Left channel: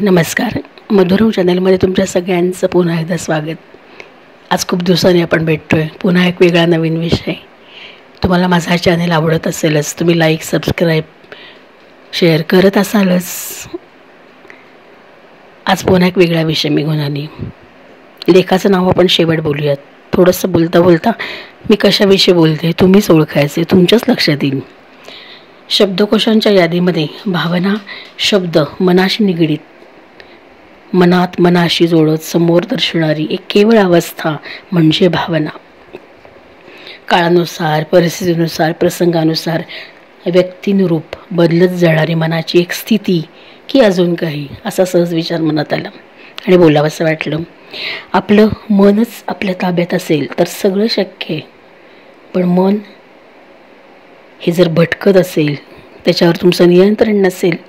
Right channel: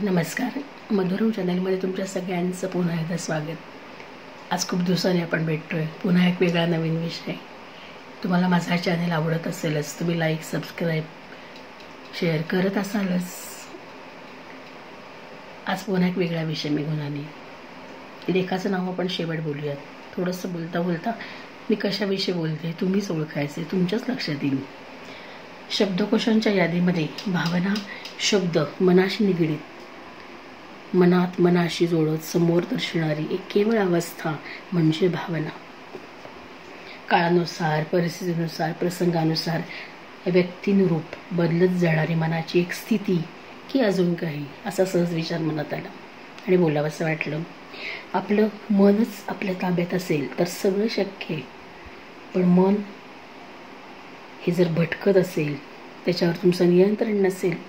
नमस्कार. मधुरम चॅनलमध्ये तुमच्या सगळ्यांचं पुन्हा एकदा स्वागत. आज खूप दिवसांनी आपण भेटतोय. पुन्हा एक वेगळा नवीन विषय. तुम्हाला माझा चॅनल आवडत असेलच, तुम्ही लाईक, सबस्क्राईब, शेअर करत असालच. आज पुन्हा एक वेगळा विषय मी घेऊन आली. लेखाचं नाव आपण शेवट बोलूयात. थोडंसं बोलता बोलता मी कशाविषयी बोलते तुम्हीच ओळखायचे, तुमच्याच लक्षात येईल. शब्दकोशांच्या यादीमध्ये भावना शब्द मनाशी निगडीत, मनात मनाशी जोडत समोर दर्शवणारी एक केवळ अवस्था म्हणजे भावना. काळानुसार, परिस्थितीनुसार, प्रसंगानुसार व्यक्तिनुरूप बदलत जाणारी मनाची एक स्थिती की अजून काही, असा सहज विचार मनात आला आणि बोलावंसं वाटलं. आपलं मनच आपल्या ताब्यात असेल तर सगळं शक्य आहे. पण मन हे जर भटकत असेल, त्याच्यावर तुमचं नियंत्रण नसेल,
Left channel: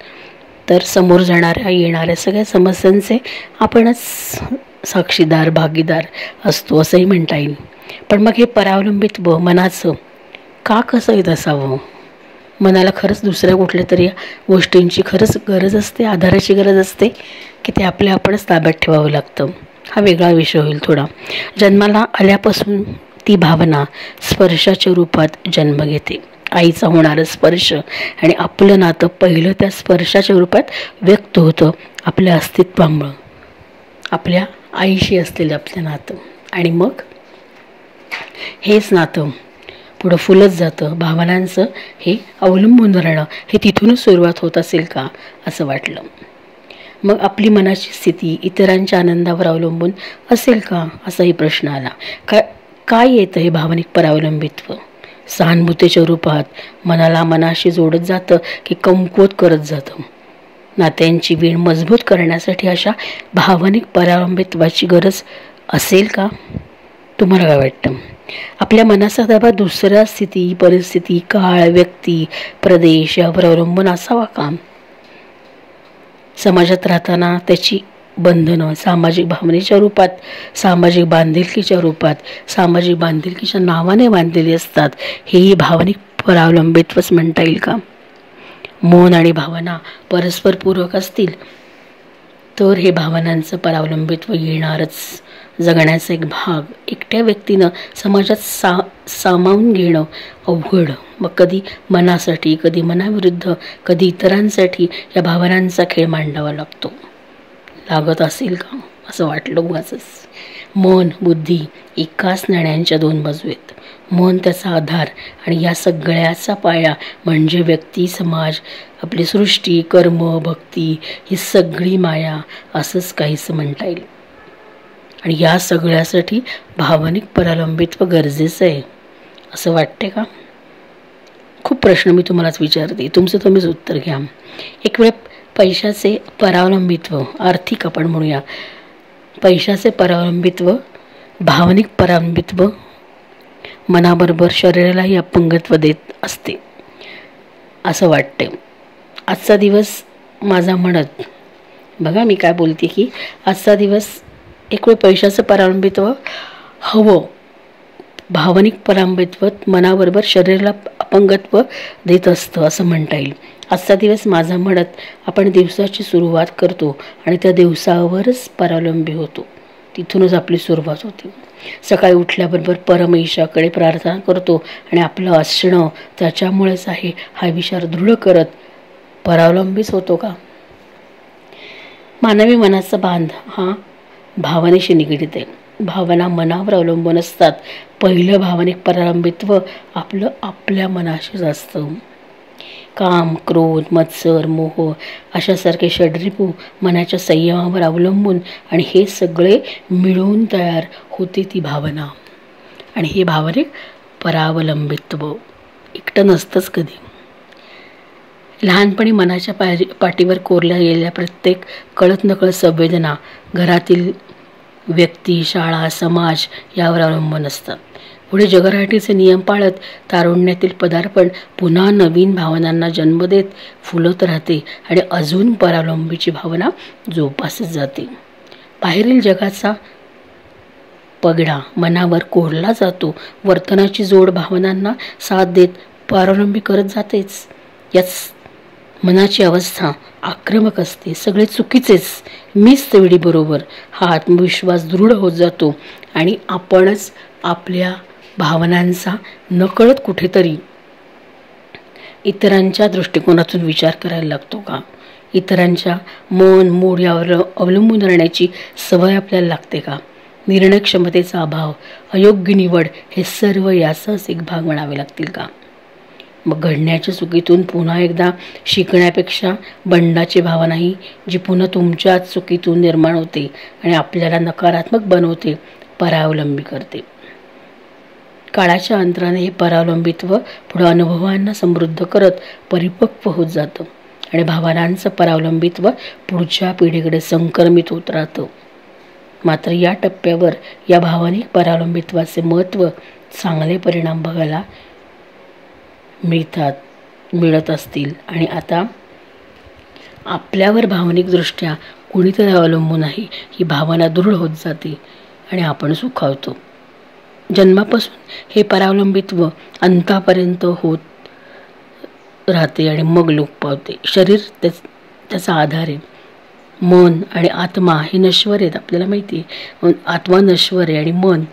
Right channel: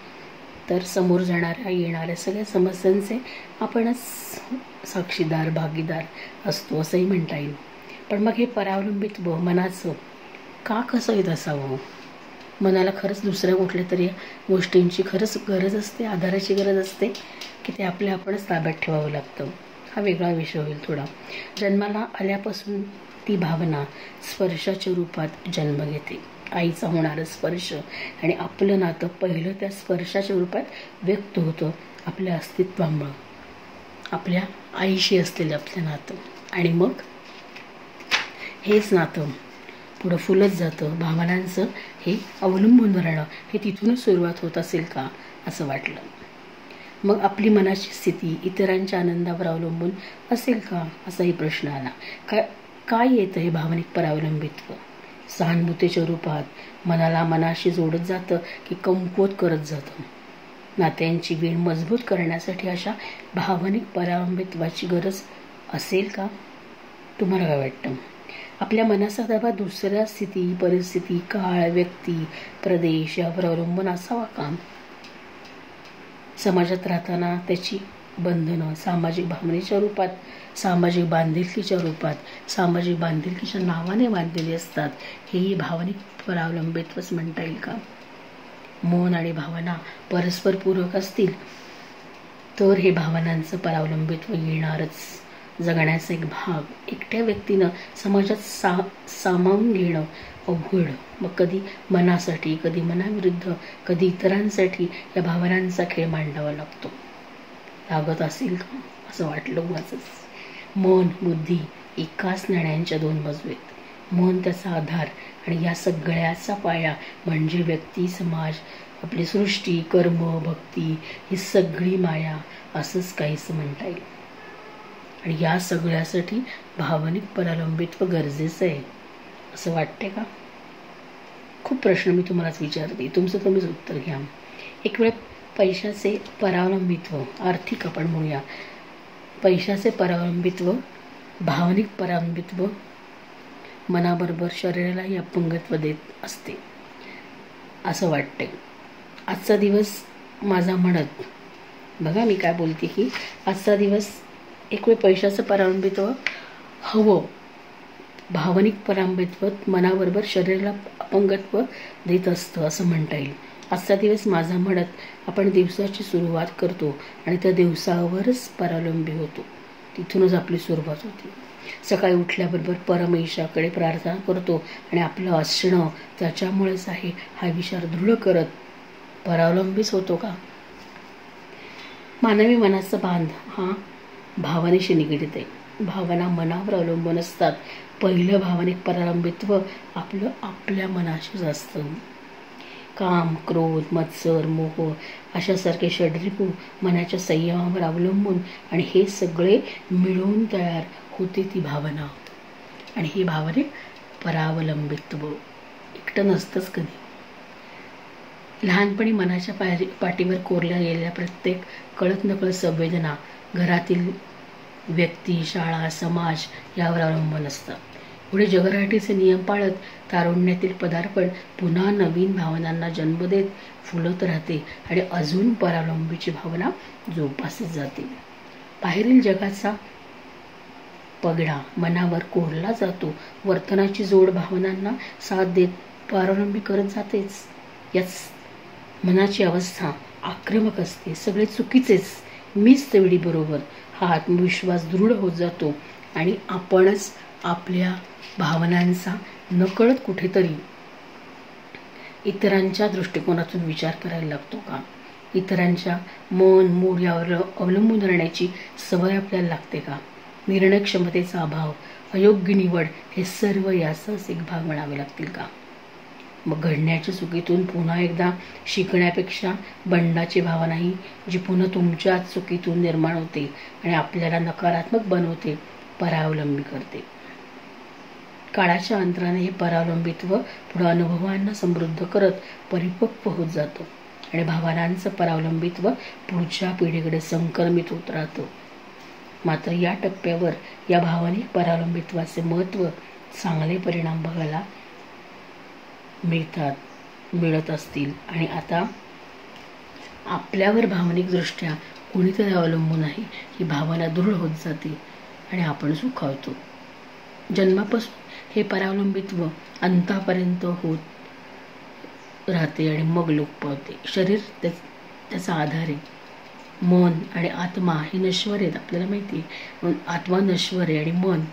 तर समोर जाणाऱ्या येणाऱ्या सगळ्या समस्यांचे आपणच साक्षीदार, भागीदार असतो असंही म्हणता येईल. पण मग हे परावलंबित्व मनाचं का कसं येत असावं? मनाला खरंच दुसऱ्या कुठल्या तरी गोष्टींची खरंच गरज असते, आधाराची गरज असते, की ते आपणच ताब्यात ठेवावं लागतं? हा वेगळा विषय होईल थोडा. जन्माला आल्यापासून ती भावना स्पर्शाच्या रूपात जन्म घेते. आईचा होणारा स्पर्श आणि आपलं नातं पहिलं त्या स्पर्शाच्या रूपात व्यक्त होतं आपल्या अस्तित्वामुळं, आपल्या आईशी असलेलं आपलं नातं. आणि मग हेच नातं पुढं फुलत जातं. भावनांचं हे अवलंबून राहणं हे तिथूनच सुरुवात होत असेल का असं वाटलं. मग आपली मनाची स्थिती इतरांच्या आनंदावर अवलंबून असेल का असाही प्रश्न आला. काय येतं हे भावनिक परावलंबित्व? सहानुभूतीच्या रूपात मनाला मनाशी जोडत जातं की कमकुवत करत जातं? नात्यांची वीण मजबूत करण्यासाठी अशा भावनिक परावलंबित्वाची गरज असेल का? तुम्हाला काय वाटतं? आपल्या मनाचा ताबा दुसऱ्या स्थिती, परिस्थिती, काळ, व्यक्ती, प्रदेश यावर अवलंबून असावा का? समाजात राहताना त्याची बंधनं सामाजिक भावनेच्या रूपात, सामाजिक बांधिलकीच्या रूपात, सामाजिक बांधिलकीच्या नावाने बांधलेली असतात. हेही भावनिक परावलंबित्वच म्हणता येईल का? मन आणि भावना परस्पर पूरक असतील तर हे भावनांचं परावलंबित्व येणारच. जगण्याचा एक भाग एकट्या व्यक्तीनं समाजात सामावून घेणं अवघड. मग कधी मनासाठी, कधी मनाविरुद्ध, कधी इतरांसाठी या भावनांचा खेळ मांडावा लागत असेल का असं वाटलं उगाचच. मन, बुद्धी एकाच नाण्याच्या दोन बाजू आहेत. मन त्याचा आधार आणि या सगळ्याचा पाया म्हणजे व्यक्ती, समाज, आपली सृष्टी, कर्म, भक्ती ही सगळी माया असंच काहीसं म्हणता येईल. आणि या सगळ्यासाठी भावनिक परावलंबित्व गरजेचं आहे असं वाटते का? खूप प्रश्न मी तुम्हालाच विचारते, तुमचं तुम्हीच उत्तर घ्या. एक वेळ पैशाचे परावलंबित्व, आर्थिक आपण म्हणूया, पैशाचे परावलंबित्व, भावनिक परावलंबित्व मनाबरोबर शरीरालाही अपंगत्व देत असते असं वाटते. आजचा दिवस माझा म्हणत, बघा मी काय बोलते की आजचा दिवस एक वेळ पैशाचं परावलंबित्व हवं, भावनिक परावलंबित्व मनाबरोबर शरीराला अपंगत्व देत असतं असं म्हणता येईल. आजचा दिवस माझा म्हणत आपण दिवसाची सुरुवात करतो आणि त्या दिवसावरच परावलंबी होतो. तिथूनच आपली सुरुवात होती. सकाळी उठल्याबरोबर परमेशाकडे प्रार्थना करतो आणि आपलं असणं त्याच्यामुळेच आहे हा विचार दृढ करत परावलंबीच होतो का? मानवी मनाचा बांध हा भावनेशी निगडीत आहे. भावना मनावर अवलंबून असतात. पहिलं भावनिक परावलंबित्व आपलं आपल्या मनाशीच असतं. काम, क्रोध, मत्सर, मोह अशासारखे षड्रिपू मनाच्या संयमावर अवलंबून आणि हे सगळे मिळून तयार होते ती भावना. आणि हे भावनिक परावलंबित्व एकटं नसतंच कधी. लहानपणी मनाच्या पाठीवर कोरल्या गेलेल्या प्रत्येक कळत नकळत संवेदना घरातील व्यक्ती, शाळा, समाज यावर अवलंबून असतात. पुढे जगराटीचे नियम पाळत तारुण्यातील पदार्पण पुन्हा नवीन भावनांना जन्म देत फुलत राहते आणि अजून परावलंबीची भावना जोपासत जाते. बाहेरील जगाचा पगडा मनावर कोरला जातो. वर्तनाची जोड भावनांना साथ देत परावलंबी करत जातेच. याच मनाची अवस्था आक्रमक असते, सगळे चुकीचेच, मीच तेवढी बरोबर, हा आत्मविश्वास दृढ होत जातो आणि आपणच आपल्या भावनांचा नकळत कुठेतरी इतरांच्या दृष्टिकोनातून विचार करायला लागतो का? इतरांच्या मन मूड यावर अवलंबून राहण्याची सवय आपल्याला लागते का? निर्णय क्षमतेचा अभाव, अयोग्य निवड हे सर्व याचाच एक भाग म्हणावे लागतील का? मग घडण्याच्या चुकीतून पुन्हा एकदा शिकण्यापेक्षा बंडाची भावनाही जी पुन्हा तुमच्याच चुकीतून निर्माण होते आणि आपल्याला नकारात्मक बनवते, परावलंबी करते. काळाच्या अंतराने हे परावलंबित्व पुढे अनुभवांना समृद्ध करत परिपक्व होत जातं आणि भावनांचं परावलंबित्व पुढच्या पिढीकडे संक्रमित होत राहतं. मात्र या टप्प्यावर या भावनिक परावलंबित्वाचे महत्त्व, चांगले परिणाम बघायला मिळत असतील आणि आता आपल्यावर भावनिकदृष्ट्या कुणीतरी अवलंबून आहे, ही भावना दृढ होत जाते आणि आपण सुखावतो. जन्मापासून हे परावलंबित्व अंतापर्यंत होत राहते आणि मग लोप पावते. शरीर त्याचा आधार आहे. मन आणि आत्मा हे नश्वर आहेत, आपल्याला माहिती आहे. आत्मा नश्वर आहे आणि मन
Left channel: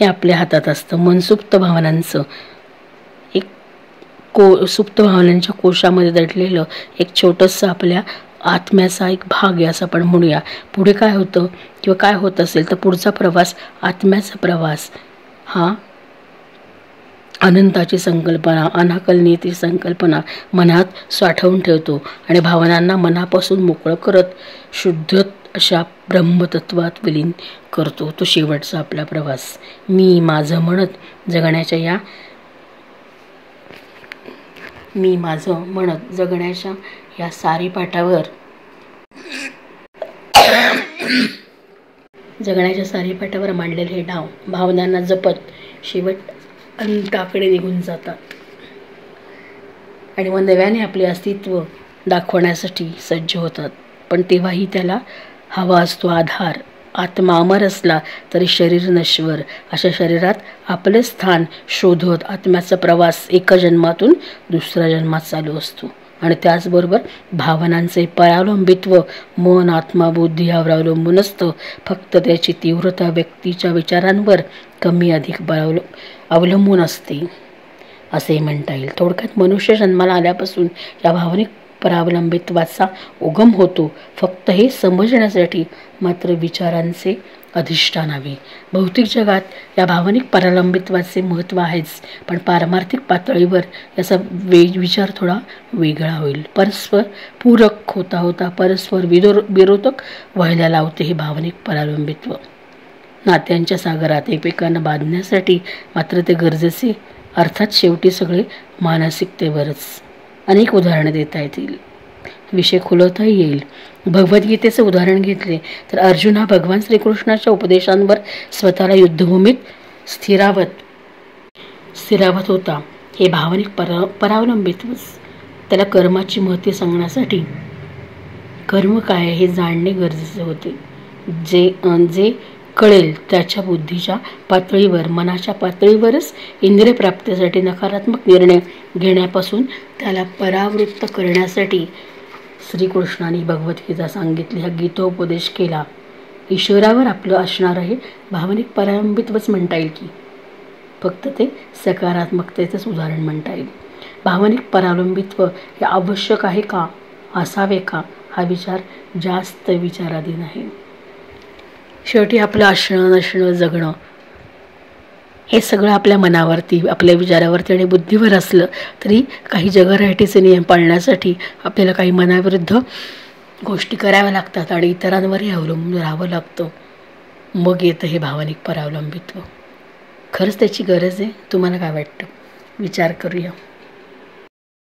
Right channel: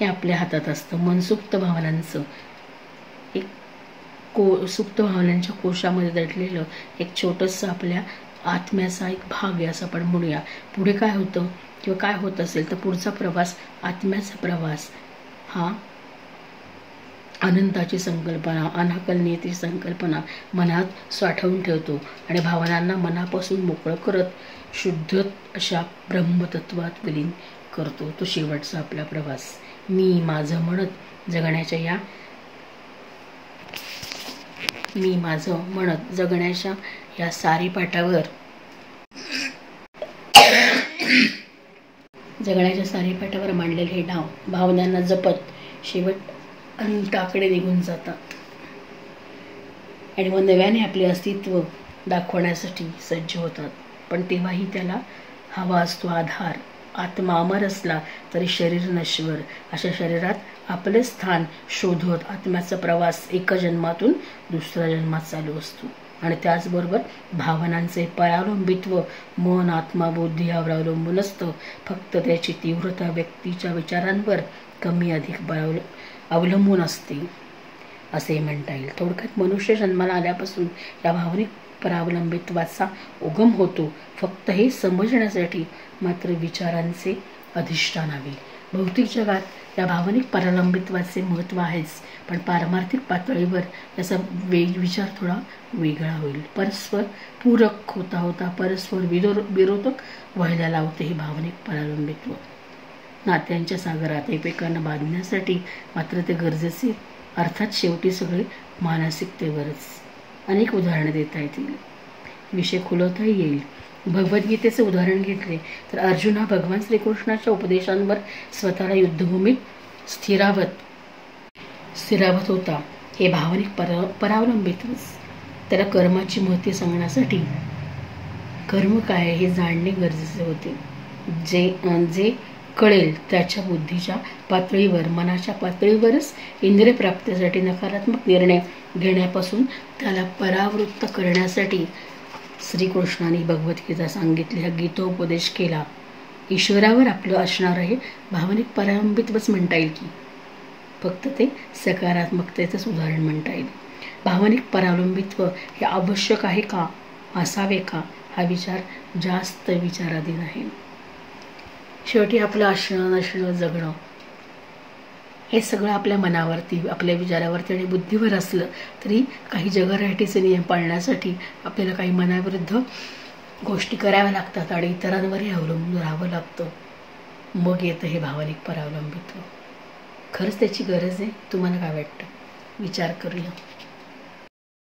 हे आपल्या हातात असतं. मन सुप्त भावनांचं सुप्त भावनांच्या कोशामध्ये दडलेलं एक छोटंसं आपल्या आत्म्याचा एक भाग आहे असं आपण म्हणूया. पुढे काय होतं किंवा काय होत असेल तर पुढचा प्रवास, आत्म्याचा प्रवास हा अनंताची संकल्पना, अनाकलनीयतेची संकल्पना मनात साठवून ठेवतो आणि भावनांना मनापासून मोकळं करत शुद्ध अशा ब्रह्मतत्वात विलीन करतो. तो शेवटचा आपला प्रवास. मी माझं म्हणत जगण्याच्या या सारीपाटावर मांडलेले हे नाव भावनांना जपत शेवट अनंताकडे निघून जातात आणि मग नव्याने आपले अस्तित्व दाखवण्यासाठी सज्ज होतात. पण तेव्हाही त्याला हवा असतो आधार. आत्मा अमर असला तरी शरीर नश्वर. अशा शरीरात आपले स्थान शोधत आत्म्याचा प्रवास एका जन्मातून दुसऱ्या जन्मात चालू असतो आणि त्याचबरोबर भावनांचे परावलंबित्व मन, आत्मा, बुद्धी यावर अवलंबून असतं. फक्त त्याची तीव्रता व्यक्तीच्या विचारांवर कमी अधिक अवलंबून असते असे म्हणता येईल. थोडक्यात मनुष्य जन्माला आल्यापासून या भावनिक परावलंबित्वाचा उगम होतो. फक्त हे समजण्यासाठी मात्र विचारांचे अधिष्ठान हवे. भौतिक जगात या भावनिक परावलंबित्वाचे महत्त्व आहेच, पण पारमार्थिक पातळीवर याचा विचार थोडा वेगळा होईल. परस्पर पूरक होता होता परस्पर विरोधक व्हायला लावते हे भावनिक परावलंबित्व. नात्यांच्या सागरात एकमेकांना बांधण्यासाठी मात्र ते गरजेचे. अर्थात शेवटी सगळे मानसिकतेवरच. अनेक उदाहरणं देता येतील, विषय खुलवताही येईल. भगवद्गीतेचं उदाहरण घेतले तर अर्जुन हा भगवान श्रीकृष्णाच्या उपदेशांवर स्वतःला युद्धभूमीत स्थिरावत होता. हे भावनिक परावलंबित्वच त्याला कर्माची महती सांगण्यासाठी कर्म काय हे जाणणे गरजेचे होते. जे कळेल त्याच्या बुद्धीच्या पातळीवर, मनाच्या पातळीवरच इंद्रिय प्राप्तीसाठी नकारात्मक निर्णय घेण्यापासून त्याला परावृत्त करण्यासाठी श्रीकृष्णाने भगवद्गीता सांगितली, हा गीतोपदेश केला. ईश्वरावर आपलं असणार आहे भावनिक परावलंबित्वच म्हणता येईल की फक्त ते सकारात्मकतेचंच उदाहरण म्हणता येईल. भावनिक परावलंबित्व हे आवश्यक आहे का, असावे का, हा विचार जास्त विचाराधीन आहे. शेवटी आपलं असणं नसणं जगणं हे सगळं आपल्या मनावरती, आपल्या विचारावरती आणि बुद्धीवर असलं तरी काही जगराटीचे नियम पाळण्यासाठी आपल्याला काही मनाविरुद्ध गोष्टी कराव्या लागतात आणि इतरांवरही अवलंबून राहावं लागतं. मग येतं हे भावनिक परावलंबित्व. खरंच त्याची गरज आहे. तुम्हाला काय वाटतं? विचार करूया.